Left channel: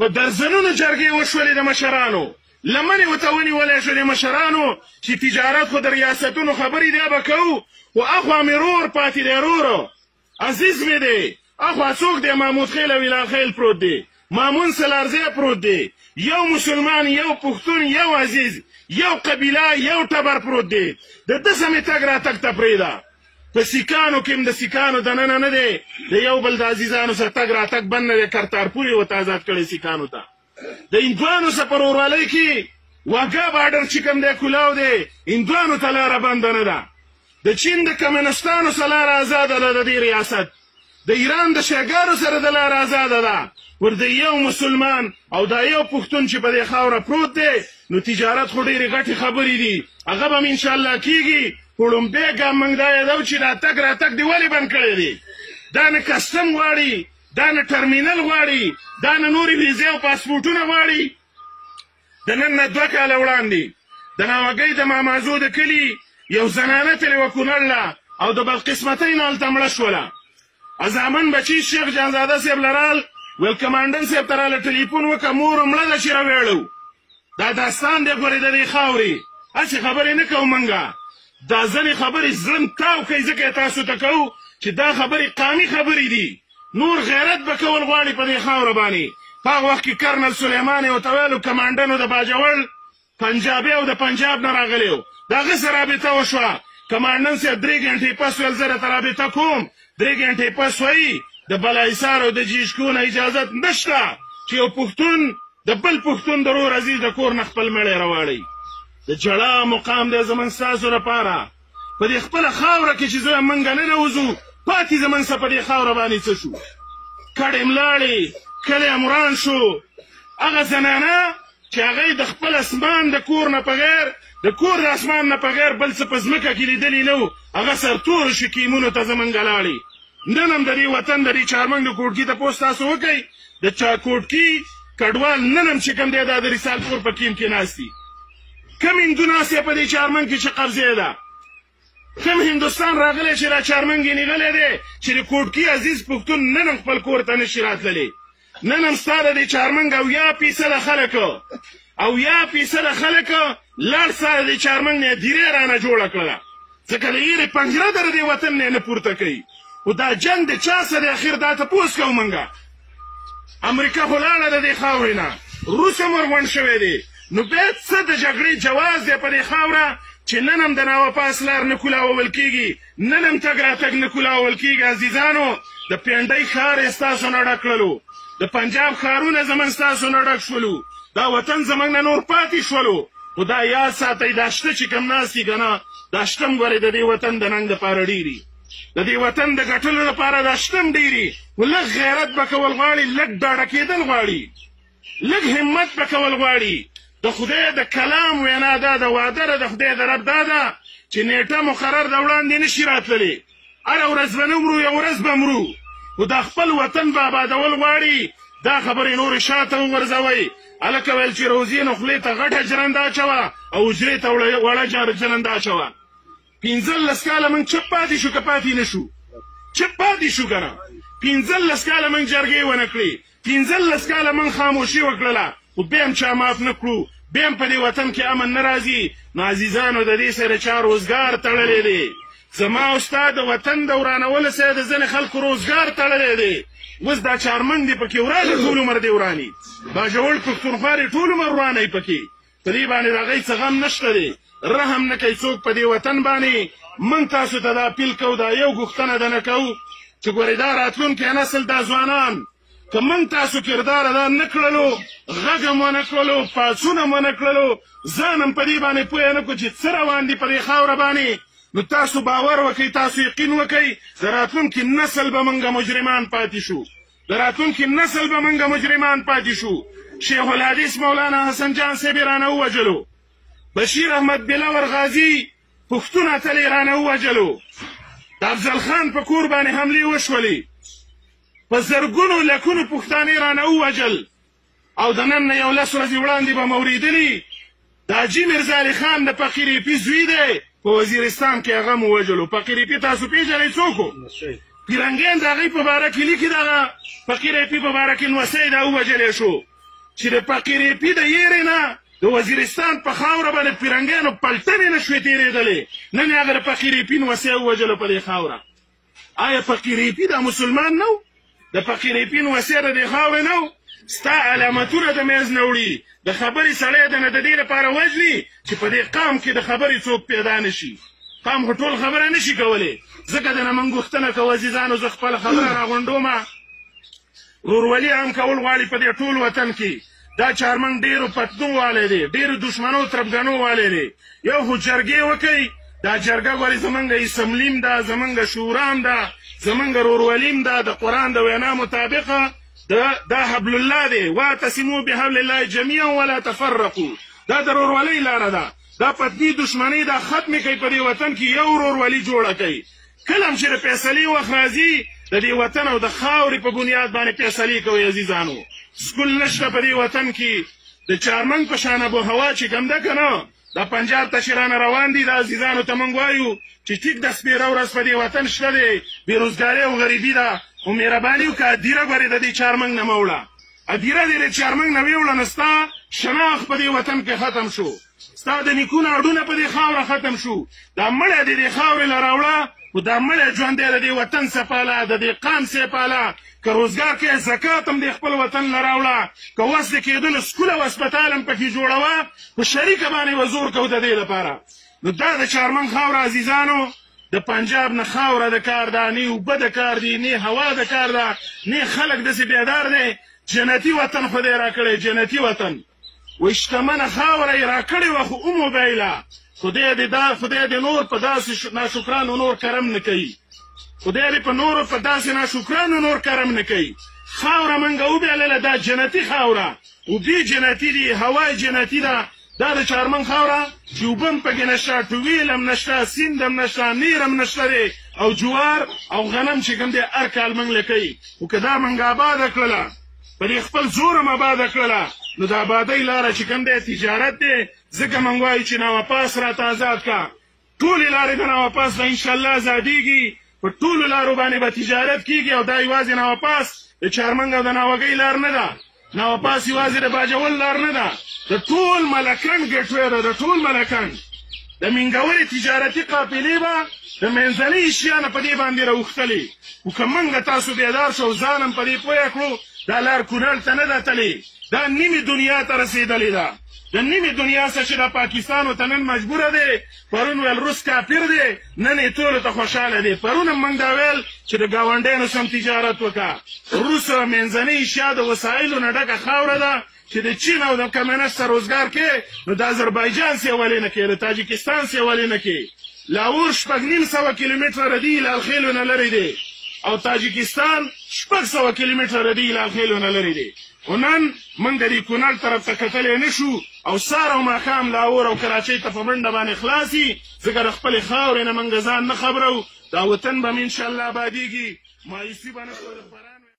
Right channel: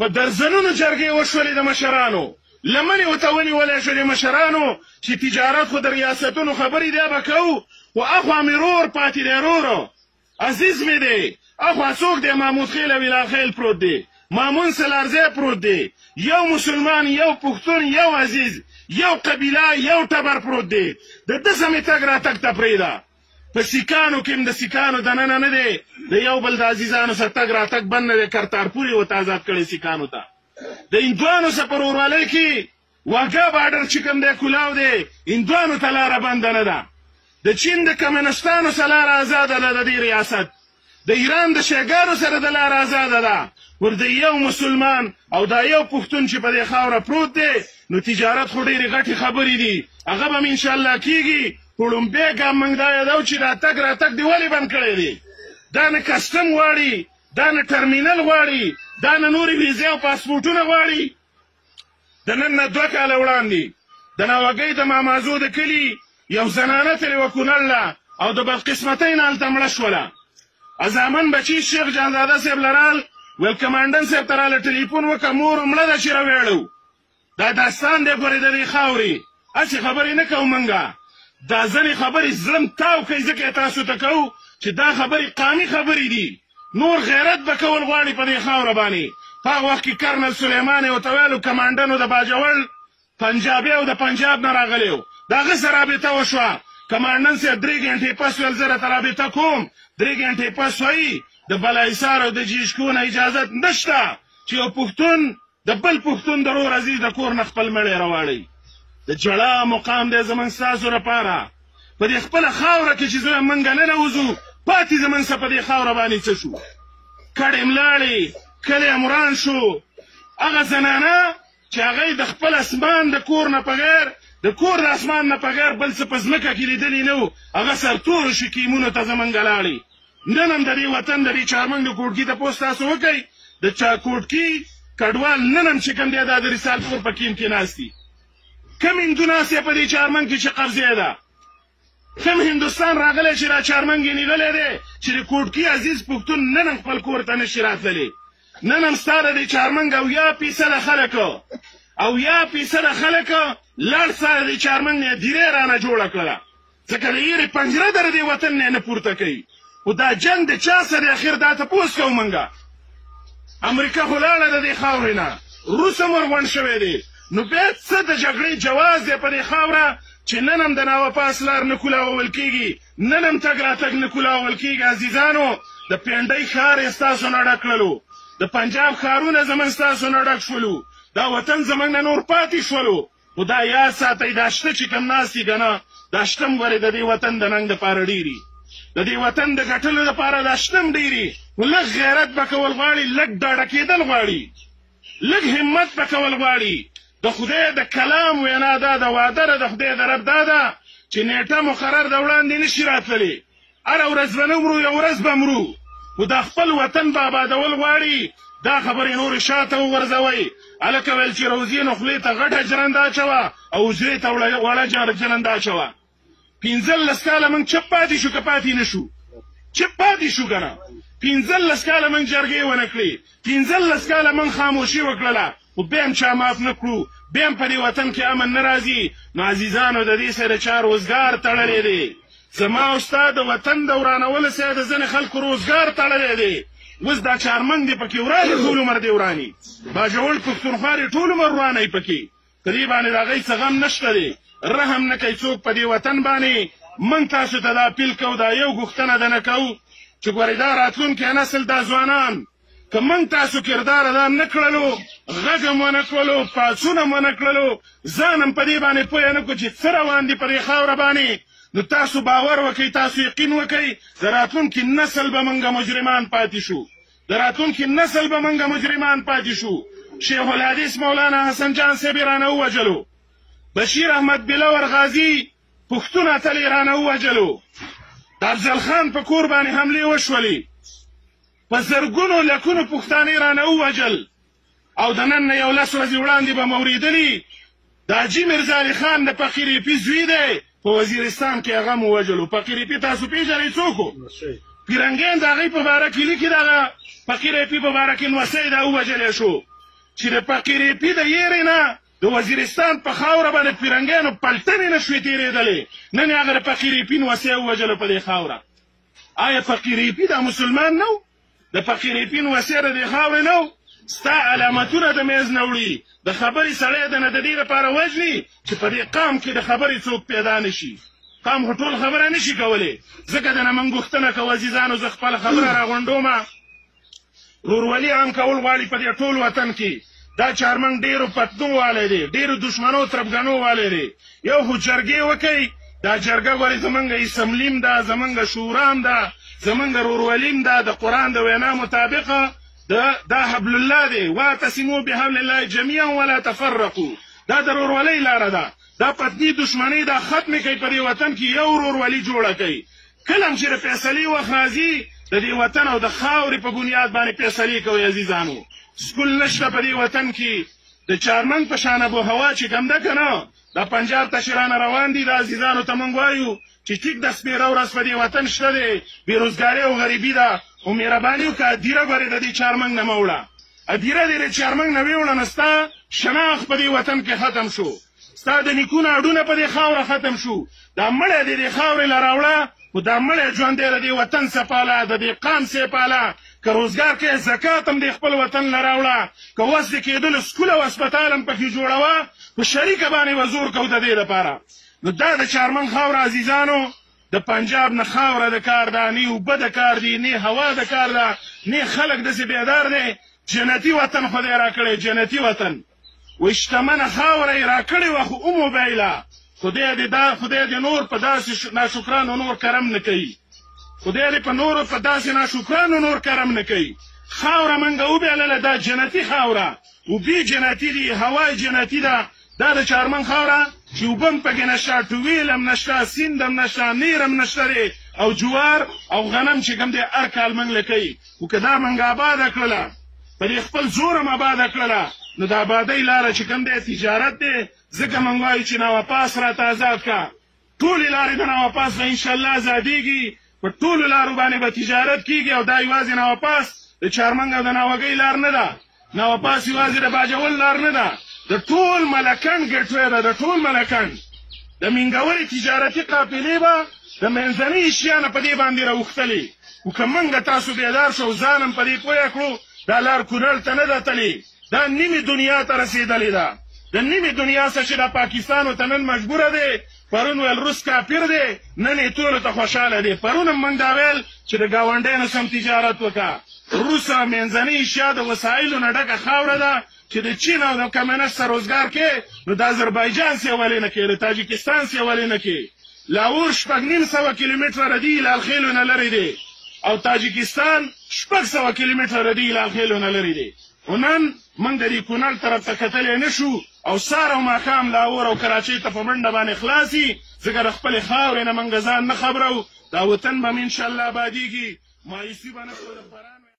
په درزنونو جرګې وشولې د مشرانو، لمنې ورته ونیولی شو د مشرانو چې تجارت خو د ریاستونو خبرې دی به کوو، خو اخوا مې رور پاتې دی رورو عزیز مې دی، اخوا څوک دی محمود خیل او ویلاخیل پروت دی، مامون سلارزی پروت دی، یو مسلمان یو پښتون یو عزیز یو قبیله یو ټبر پروت دی، د ده سمې تګ راتګ ته پرېږده. په سیکانو کې هم د سیکانو دننه نه دی د یو بل د عزیزانو سره تګ راتګ بند نه دی، کرتارپور یې ورته آزاد کړی سیکانو ته. د هندوانو سره په ورورولۍ کې واګا باډر چې کوم دی کولاو دی، هندوانو ته لاره بنده نه ده. د چین د کمونستانو سره لاره ازاده ده د دې ریاست، د ایران د شیګانو سره د لاره ازاده ده. ورته یو مسلمان او دا یو پښتون چې په دې خاوره پروت دی، نو تجارت خو ډېرې غټې خبرې دي، هغه به م انشاءالله کېږي. لومبی ګام موږ دا یادو چې دا تګ راتګ دې ولې بند کړی دی؟ دا نه کسټم غواړي، دا نه ټرمینل غواړي، دا نه نورې ویزې او پاسپورټونه غواړي. د نن نه 2 کاله وړاندې د ناوګۍ د مامازو د کلي یو زنانه تلې وه کونړ له، او د بدقسمتۍ نه هلته مړه شوله. ازامن بچي شیخ جانزاده صاحب لرال ویل کمانډن صاحب ته راله ټلیفون وکړه مور مړه ده چې راویړو. دا داستان دی ګورې د دې خاورې، هسې خبرې نه کوو موږ، دا ځینې خبرې زړه م تاو کوي، ځکه یې تاسو ته کوو چې دا خبرې قامي خبرې دي. نور غیرت به کول غواړي په دې خاوره باندې. په هغه وخت کې کرنل سلیمان یې ورته ویلو کمانډن و د باجوړ پنجابي او د پنجاب نه راغلی و، د هغه سره رابطه وشوه. کمانډن صاحب 3 غنټې پس ویل زه راته رابطه کوم، 3 غنټې پس وایي د بالاحصار او د جیشکو نه اجازت نشته چې یو پښتون د بل پښتون د رور عزیز د کور نه خپل مړی راواړئ. د جړا مقام دی زموږ ستاسو لپاره په دې خپله خاوره کې چې زه موږ نه نوځو، پاتې زموږ څه په دې خاوره باندې څه شو؟ کډې ملاړې، کلی امران شو. هغه زنانه چې هغه یې د خپل اسمان د کور نه په غیر د کور د اسمان نه په غیر بل څه په ځمکه کې لیدلي نه و، هغه سرتورو شکیمونو ته زموږ لاړې. نن هم د دې وطن د دې چارمنګ د کوټکي تپوس تاسو وکئ، د کوټکي کډوال نن هم چې کوم دی دا د رسالپور په کیم کې ناست دي. کم هندو ناست دی په دې چارمنګ کې چې قبضې ده؟ کم هندوستان راغلی چې را چارمنګ یې نیغلی دی چې د کوټکي عزیز پښتون نن هم خپل کور ته نشي راتللی؟ نن هم ستا د دې چارمنګ 80% خلکو 80% خلکو لاړ ستا د دې چارمنګ نه دیرې رانه جوړه کړله، ځکه د ایرې پنجره در دې وطن نه پورته کوي. خو دا جنګ د چا سره اخر دا تپوس کوو موږ؟ امریکا خو لاړه د دې خاورې نه، روس هم ورغونډ شوی دی. نو بیا څه د جګړې جواز دی په دې خاوره چې نن هم د ناوپاس لار نه کولاول کېږي، نن هم تګ راتګ نه کولاول کېږي. عزیزانو، د پینډۍ ښار یې ستاسو نه ډک کړلو، د پنجاب ښارونه زموږ ستاسو نه ډک شولو، دا وطن زموږ نه نور پاتې شولو. خو دا یاد ساتئ، دا شته چې کوم ناست دي که نه، دا شته هم ګورئ د دې وطن د ننګ دپاره ډېري، د دې وطن د ګټلو لپاره دا شته هم ډېري. خو لږ غیرت به کول غواړي، لږ ډاډه کېدل غواړي، لږ همت به کول غواړي. د خدای د کلام وینا دا د واده د خدای د رب دا ده چې نیټه مقرر د وړاندې نشي راتللی، هره ورځ به نه مرو، یو ورځ به مرو. خو دا خپل وطن به آبادول غواړي، دا خبرې نورې شاته وغورځوئ. هلکه ویل چې روزي نو خولې ته غټه جرنده اچوه او حجرې ته وړه جرنده اچوه. 15 کاله موږ چپ پاتې شو که پاتې نه شو؟ چپ پاتې شو که نه؟ 15 کاله موږ جرګې ونه کړې، 15 کاله موږ خاموشي وکړله، خو بیا هم چا معاف نه کړو، بیا هم په دې وطن کې امن نه راځي. نو عزیزانو، د دې سره چا روزګار تړلی دی. زما او ستا د وطن د ورانولو سره د ځینې خلکو روزګار تړلی دی. اوس دا چارمنګ دی پکې وراني، ټول عمر دی وراني. باجوړ پښتونخوا دی ټول عمر ورانی پکې. په دې باندې د هغوی څه غم نشته دی، رحم نه کوي څوک په دې وطن باندې. موږ تاسو ته دا اپیل کوو، دا یو غوښتنه ده نه کوو چې ګورئ دا راتلونکی نسل، دا ځوانان که موږ تاسو کردار ادا نه کړلو، غږ هم ونه کړلو، پاڅون هم ونه کړلو، ځان هم په دې باندې پوه نه کړو چې څه روان دي په دې خاوره باندې، نو تاسو باور وکئ، تاسو یقین وکئ، د راتلونکي نسل به موږ مجرمان پاتې شو، د راتلونکي نسل به موږ مجرمان پاتې شو. شیخ الحدیث مولانا حسن جان صاحب یې رانه ووجلو، بشیر احمد بلور غازي پښتون اتل یې رانه ووجلو، د افضل خان په کور باندې حملې وشولې، په زرګونو لکونو پښتانه رانه ووجل. او د نن نه 11 ورځې وړاندې به مو اورېدلي د حاجي میرزا علي خان د فقیر ایپي زوی دی، په وزیرستان کې هغه مو ووجلو. فقیر ایپي تاسو پېژنئ څوک و؟ پیرنګیان د هغوی په باره کې لیکي، دغه فقیر ایپي په باره کې نوسی دا ووجلی شو. چې د فقیرپي د یېرې نه د وزیرستان په خاوره باندې پیرنګیانو پلټنې نه شوې تېرېدلې، نن هغه د فقیرپي نوسۍ ووژلو په دې خاوره. آیا فقیرپي دا مسلمان نه و؟ د فقیرپي نوسۍ د دې خاورې نه و؟ ستا علامتونه د میز نه وړي، د خبرې سړی د نه د دې لپاره وژني چې په دې قام کې د خبرې څوک پیدا نه شي. قام خو ټول خبره نه شي کولی، ځکه د نه موږ غوښتنه کوو عزیزانو، زه خپله خبره راغونډومه. ورورولي عام کول غواړي په دې ټول وطن کې. دا چارمنګ ډېرو پتنو والی دی، ډېرو دشمنو تربګنو والی دی. یو خو جرګې وکئ، دا جرګه ګورې زمونږ اسمبلیم ده، زمونږ شورام ده، زمونږ رورولیم ده، د قرآن د وینا مطابقه دا حبل الله دی، واعتصموا بحبل الله جميعا ولا تفرقوا. دا د رورولۍ لاره ده. دا پتني دشمنۍ دا ختمې کوي په دې وطن کې، یو رورولي جوړه کوي. کله هم چې د فیصلې وخت راځي د دې وطن او د خاورې په بنیاد باندې فیصلې کوي عزیزانو. سکول نشته په دې وطن کې. د چارمنګ په شان ابو هوا چې کوم ده که نه، دا پنجاب ته چې رانه روان دي، دا عزیزانو ته موږ وایو چې ټیک د سپېره ورځ په دې وطن شته دی، بېروزګاري او غریبي ده. خو مهرباني وکړه هدیره ګورې د دې چارمنګ نه مه وړه. هدیره دې د چارمنګ نه ویوړه نو ستا شناخت په دې وطن کې ختم شو، ستا د نیکونو اډونه په دې خاوره ختم شو. دا مړی دې دې خاورې له راوړه، خو دا مړی ژوند دی د دې وطن سپاله، د دې قام سپاله. که روزګار کې زکات هم د خپل وطن له راوړه، که وس د کېدلو سکول او هسپتال هم پکې جوړوه، په شریکه باندې به زور کوو د دې لپاره. نو دا د چارمنګ خاوره عزیزانو د پنجاب نه خاوره د کار ده، نه اوبه د کار دي، نه هوا د کار ده، نه خلک داسې بیدار دی. جنتي وطن خدای راکړی، جنتي وطن. وایي شتمنه خاوره یې راکړې وه خو وموبایله. خدای دې نور په داسې ناشکرانو نور کرم نه کوي. خدای دې په نورو په داسې ناشکرانو نور کرم نه کوي. خاوره موږ وبایلله، دا جنتي خاوره، اوبې جنتي دي، هوا جنتي ده. دا د چارمنګ خاوره چې اوبه هم پکې نشته، ټویل هم نشته، سیند هم نشته، نیر هم نشته دی، او جوار او غنم چې کوم دی هر کال موږ له کوي. خو که دا موږ آباده کړله، په دې خپل زور هم آباده کړله، نو د آبادۍ لاره چې کوم دی تجارت دی. ځکه موږ وایو چې نواپاس راته آزاد کا. ټولې لارې د نواپاس به انشاءالله ازادېږي، په ټولو لارو باندې به تجارت کېږي. او دا یوازې نواپاس د چارمنګ او د ناوګۍ لار نه ده، نواپاس یوازې د باجول لار نه ده، د ټول ملکن ګیټوی ده، د ټول ملکن. د مینګورې تجارتي قافلې به د منځنۍ شیانه په دې باندې راوښتلې. خو که موږ تاسو بیدار شو او ځان هم په دې پوه کړو، دا لار کونړ ته نه ده تلې، دا نیمې دنیا ته رسېدلې ده. د نیمې دنیا څخه چې د پاکستانو ته نن مجبوره دی. پرون ویل روس کافر دی، نن یې ټولو ته خوشحاله دی. پرون هم موږ دا ویل چې د ګاونډیانو سم تجارت وکړه. روس منځنۍ اشیا د وسایلو نه ډکه خاوره ده چې د چین او د کمونست سره روزګار کې، نو د اذربایجان سیولې نه کې، د تاجکستان سیولې نه کې. لاهور 6.5 کیلومتره ردي لالخیلو نه لرې دی، او تاجکستان 600 کیلومتره ردي لالخیلو نه لرې دی. خو نن موږ د دې کونړ طرف ته کتلی نه شو، او سهار او ماښام لاهور او کراچۍ ته په منډه باندې خلاصي، ځکه د خپلې خاورې نه موږ ځان نه خبرو. دا وطن به م انشاءالله ابادېږي، مایوسي به نه کوو.